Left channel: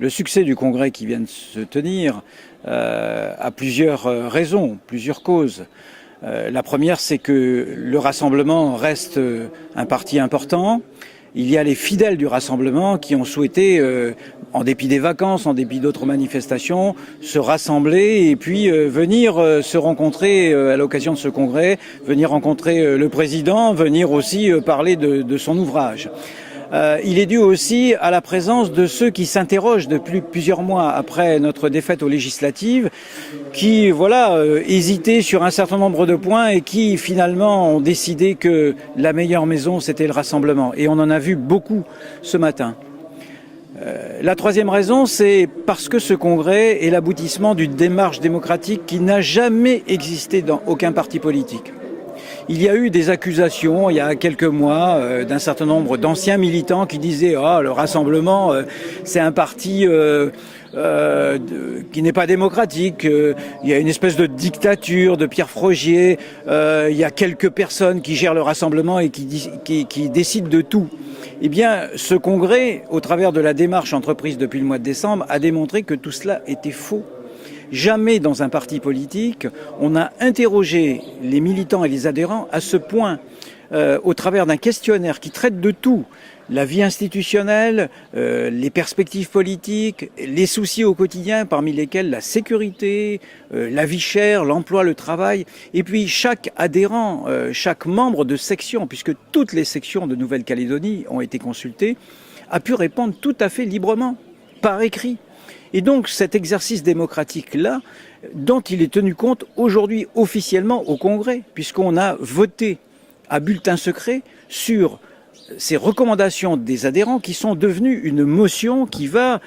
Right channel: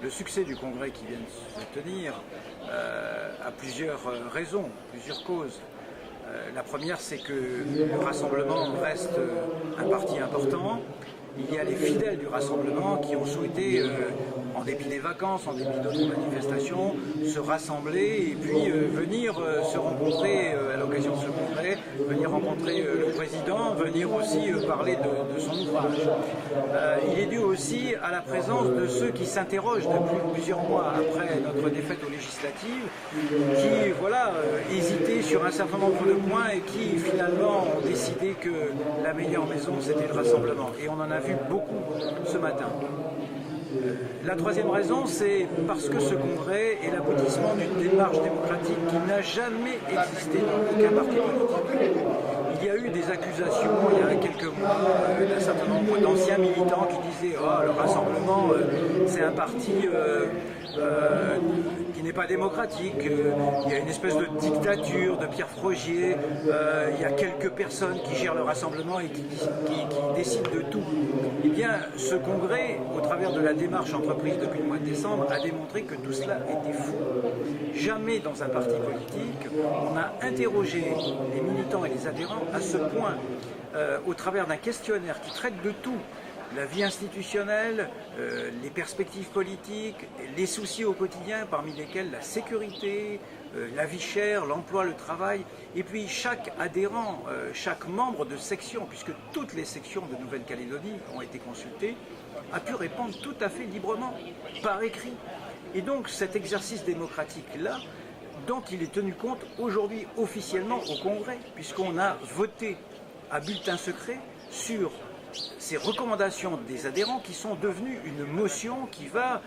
Le succès du congrès qui vient de se tenir a plusieurs raisons, plusieurs causes. La première, c'est que le Rassemblement reste un parti important. Il y a les fidèles du Rassemblement qui ont souhaité, en dépit des vacances, en dépit d'autres manifestations, se rassembler et puis venir se rencontrer à l'occasion de ce congrès, venir rencontrer le président, venir aussi parler de son ouvrage. Il est dû aussi à la présence de ceux qui s'interrogent depuis plusieurs mois après notre défaite aux législatives, qui hésitaient sur un certain nombre de points et qui finalement ont décidé que la meilleure maison c'était le Rassemblement. Et on en a vu beaucoup ce matin. La troisième raison, c'est parce que ce congrès est l'aboutissement d'une démarche démocratique qui n'a jamais existé dans aucun parti politique. Il y a eu des accusations il y a quelques mois d'un certain nombre d'anciens militants qui disaient « Ah, le Rassemblement, c'est un parti qui n'est pas démocratique, il y a une espèce de dictature de Pierre Frogier, il y a quelques personnes qui gèrent le Rassemblement et qui décident de tout ». Eh bien, ce congrès, au travers de la démarche entreprise depuis le mois de décembre, a démontré que tout cela était faux. Jamais dans un parti politique, on a interrogé les militants et les adhérents à ce point, au travers d'un questionnaire qui traite de tout. La vie institutionnelle, les perspectives politiques, les soucis au quotidien, parmi lesquels la sécurité, la vie chère, l'emploi, le travail. Et puis chaque adhérent, chaque membre de section, puisque toutes les sections de Nouvelle-Calédonie ont été consultées, a pu répondre tout à fait librement, par écrit. Et donc cet exercice démocratique-là, dont il est tenu compte aujourd'hui officiellement au Congrès, puisqu'on a voté à bulletin secret sur ces recommandations des adhérents qui sont devenues une motion qui va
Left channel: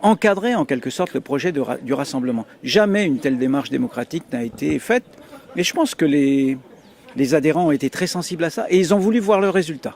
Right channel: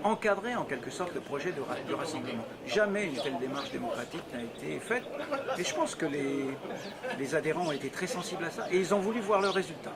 encadrer en quelque sorte le projet du Rassemblement. Jamais une telle démarche démocratique n'a été faite, mais je pense que les adhérents ont été très sensibles à ça et ils ont voulu voir le résultat.